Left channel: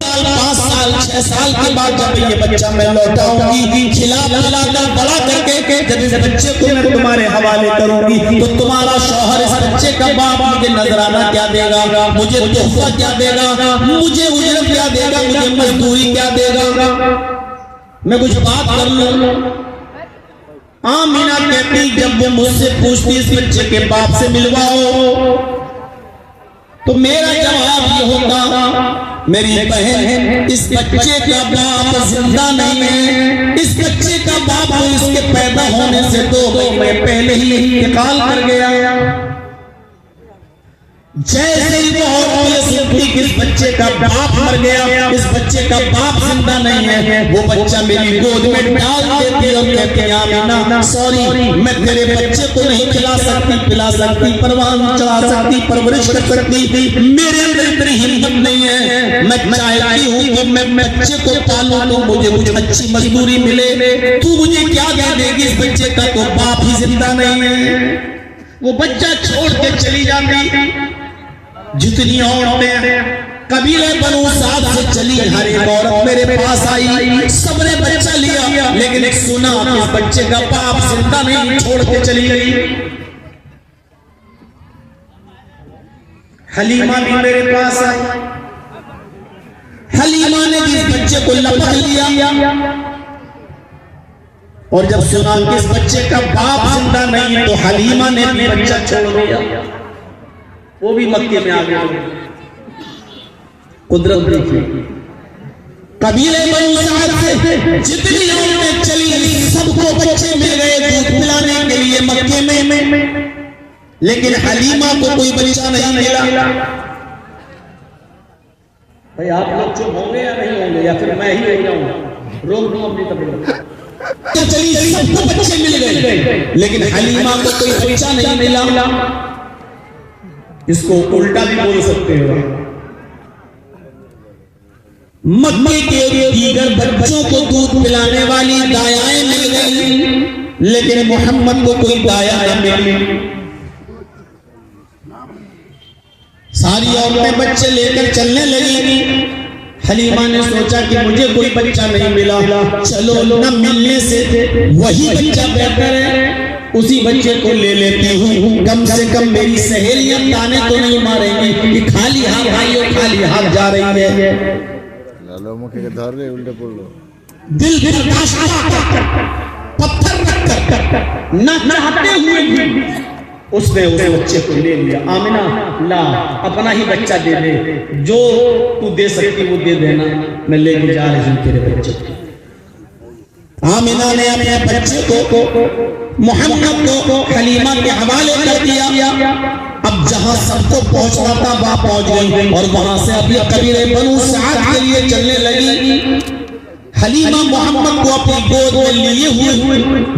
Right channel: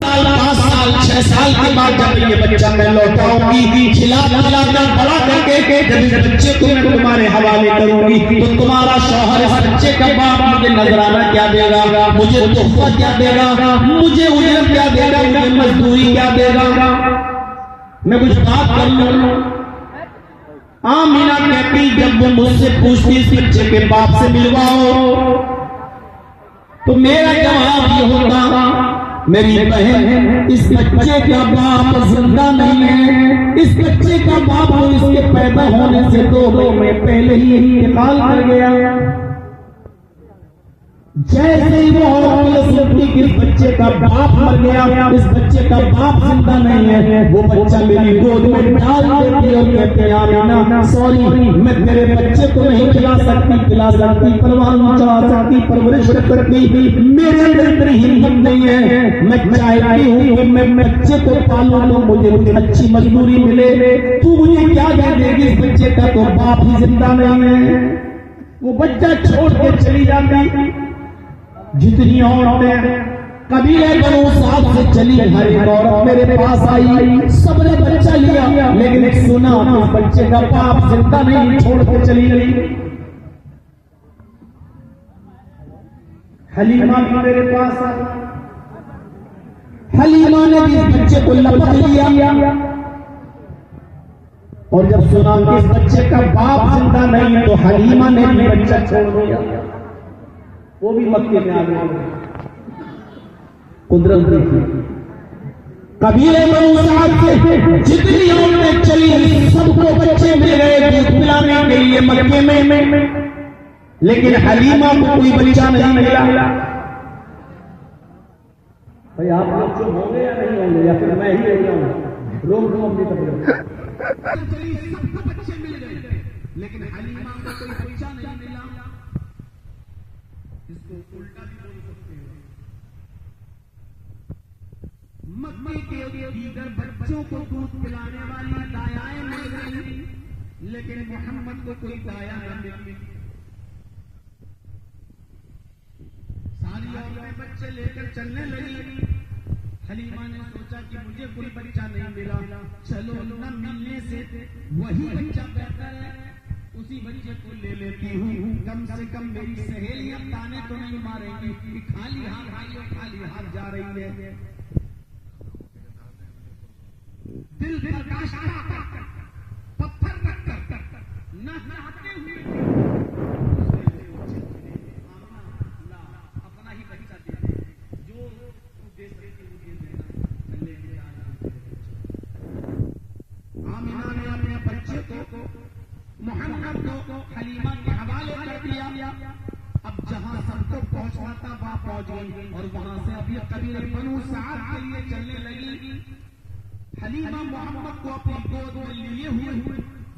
5 साल 6 साल के बाद जब ये बच्चा मैं लौटाऊंगी, खिला पिला कर बड़ा करके जब इस बच्चे को मैं तुम्हारे हवाले करूंगी, तो तुम्हारा शौहर इस बच्चे का बाप मुझे नजराना क्या देगा, मुझे तोहफा क्या देगा, मुझे उजरत क्या देगा, मुझे मजदूरी क्या देगा। मैं कुछ बात कर लूं। आमीना कहती जब वो मुझसे पूछती इस बच्चे के बाप से मिलवाओ, तो मेरा जवाब ये होता, मेरी बहन इस बच्चे का बाप जिंदा नहीं है, इस बच्चे का बाप तो इसके पैदा होने से 2 महीने पहले ही इंतकाल कर गया। जैसे ही वो सुनती कि इस बच्चे का बाप मर गया, इस बच्चे का बाप जिंदा नहीं है, वो बच्चा मेरी गोद में डाल देती और कहती आमीना सॉरी, मैं तेरे बच्चे को नहीं खिला सकती, पिला सकती, परवान चढ़ा सकती, परवरिश कर सकती, मेरे अंदर इतनी हिम्मत नहीं है। मैं चाहती हूँ कि मैं बच्चे को पालूं तो मुझे अच्छी मजदूरी मिले, तू मुझे क्या दे देगी, इस बच्चे का तो बाप ही जिंदा नहीं है। वो बच्चा छोड़ के चली जाती। जितनी औरतें कबीले बनो साथ से चली, हर एक औरत मेरे पास आई, सबने बच्चा लिया, लेकिन सुना कि इस बच्चे का बाप जिंदा नहीं, छोड़ के चली गई। हलीमा भी मेरे पास आई, हलीमा ने भी इस बच्चे को लपक लिया, और जब सुना कि इस बच्चे का बाप जिंदा नहीं है, तो हलीमा ने भी बच्चा छोड़ दिया, वो भी मक्के में आ गए। कुदरत देखी, कबीले बनो साथ से जितनी औरतें चली, सबको बच्चे मिल गए दूध पिलाने के लिए मक्के में, लेकिन हलीमा को कोई बच्चा नहीं मिला। भाई आप लोग चुप होंगे या नहीं होंगे, या फिर मैं ही हो जाऊंगा? रोक दो अपनी तबीयत। चली सबको बच्चे मिल गए, लेकिन हलीमा को कोई बच्चा नहीं मिला। इसको उल्टा भी बोल सकते हो, मक्के के दीगर बच्चों को दूध पिलाने वाली दायाएं मिल गई, लेकिन मोहम्मद को कोई दाया न मिली। सारी औरतें बच्चे लेकर चलने लगी। हलीमा ने सोचा कि मुझे कोई बच्चा नहीं मिला, चलो न मिलने से वही बच्चा बेहतर है, उसी बच्चे को ले लेती हूँ, कम से कम मेरी सहेलियां ताने तो नहीं मारेंगी कि खाली हाथ आई और खाली हाथ जा रही है। उल्टे बोल लो, दिल पत्थर रखकर न चाहते हुए उसने उस बच्चे को ले लिया। आमिना ला, अपना ही बच्चा दे दे, जो तू दे सकती वो दे देना, मैं लेके जा रही हूँ तेरे बच्चे को। आमिना ने अपने बच्चे को मोहम्मद को हलीमा के हवाले कर दिया। अब जहां सबको पहुंचना था वहां पहुंच गई, और वहां से अभी कबीले बनु साद के लिए चलने लगी। हलीमा मोहम्मद को अपनी गोद में लिए हुए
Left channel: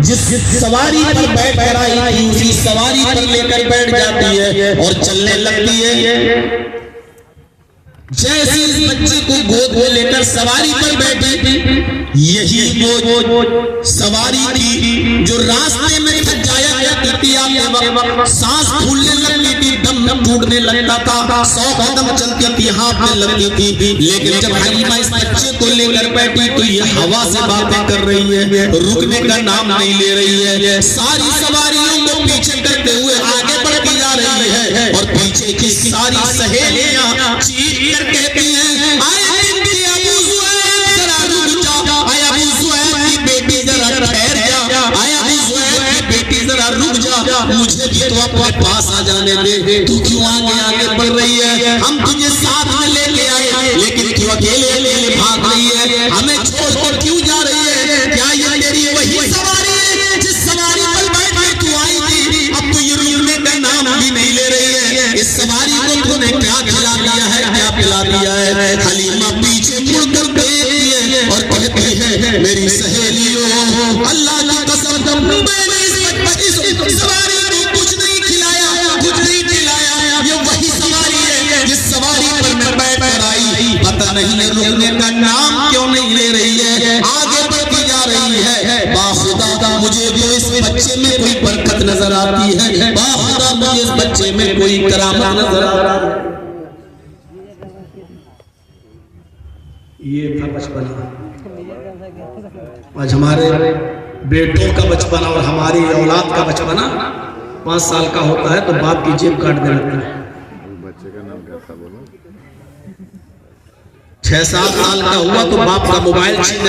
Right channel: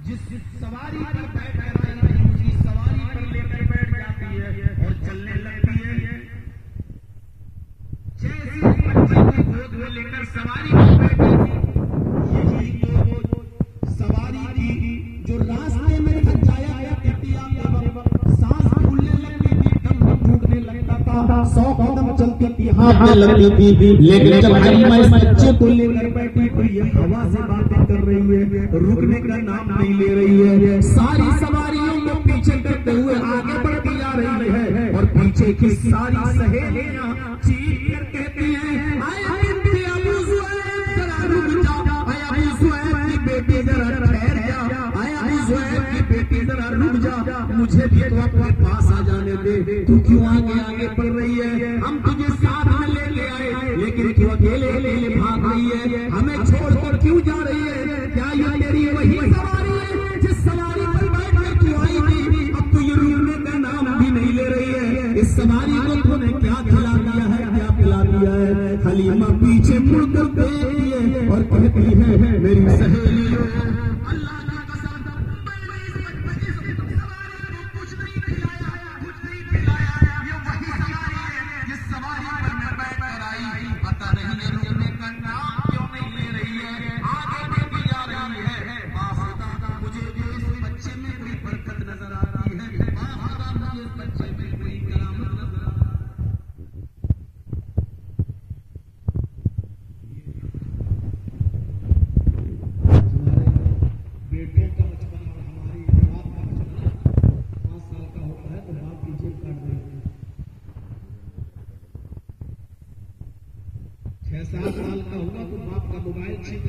जिस सवारी पर बैठ कर आई थी, उसी सवारी पर लेकर बैठ जाती है और चलने लगती है। जैसे इस बच्चे को गोद में लेकर सवारी पर बैठी थी, यही वो सवारी थी जो रास्ते में जाया करती थी, सांस फूलने लगती थी, दम टूटने लगता था, 100 कदम चलती थी, हाथ लगती थी। लेकिन जब हलीमा इस बच्चे को लेकर बैठी तो ये हवा से बातें कर रही है, रुकने का नाम नहीं ले रही है, सारी सवारियों को पीछे करते हुए आगे बढ़ती जा रही है, और पीछे की सारी सहेलियां चीख कर कहती हैं, मुझे भी तो अपने पास आ जाने दे, तू क्यों आगे बढ़ रही है, हम तुझे साथ में लेके आए, लेकिन तू अकेले भाग रही है, हमें छोड़कर क्यों जा रही है? क्या ये तेरी वही सवारी है जिस सवारी पर बैठ तू आई थी? अब तो ये रुकने का नाम भी नहीं ले रही है, इस सवारी को तूने क्या खिला दिया है, क्या पिला दिया है? हलीमा पीछे मुड़कर देखती है और कहती है, मेरी सहेलियों, अल्लाह की कसम, मैंने इस सवारी कुछ नहीं खिलाया, ये वही सवारी है जिस सवारी पर मैं बैठ कर आई, पता नहीं रुकने का नाम क्यों नहीं ले रही है, आगे बढ़ती जा रही है। बाखुदा मुझे भी इस बच्चे में कोई बरकत नजर आती है, बाखुदा मुझे इस बच्चे में कोई करामत नजर आ रहा है। ये था बचपना। आज हमारे बेटों का बचपना और हमारी औलाद का बचपना 5 साल का होता है तो बाप की जेब काट दे रखता है। 6-7 साल का हुआ तो बाप का मोबाइल छीन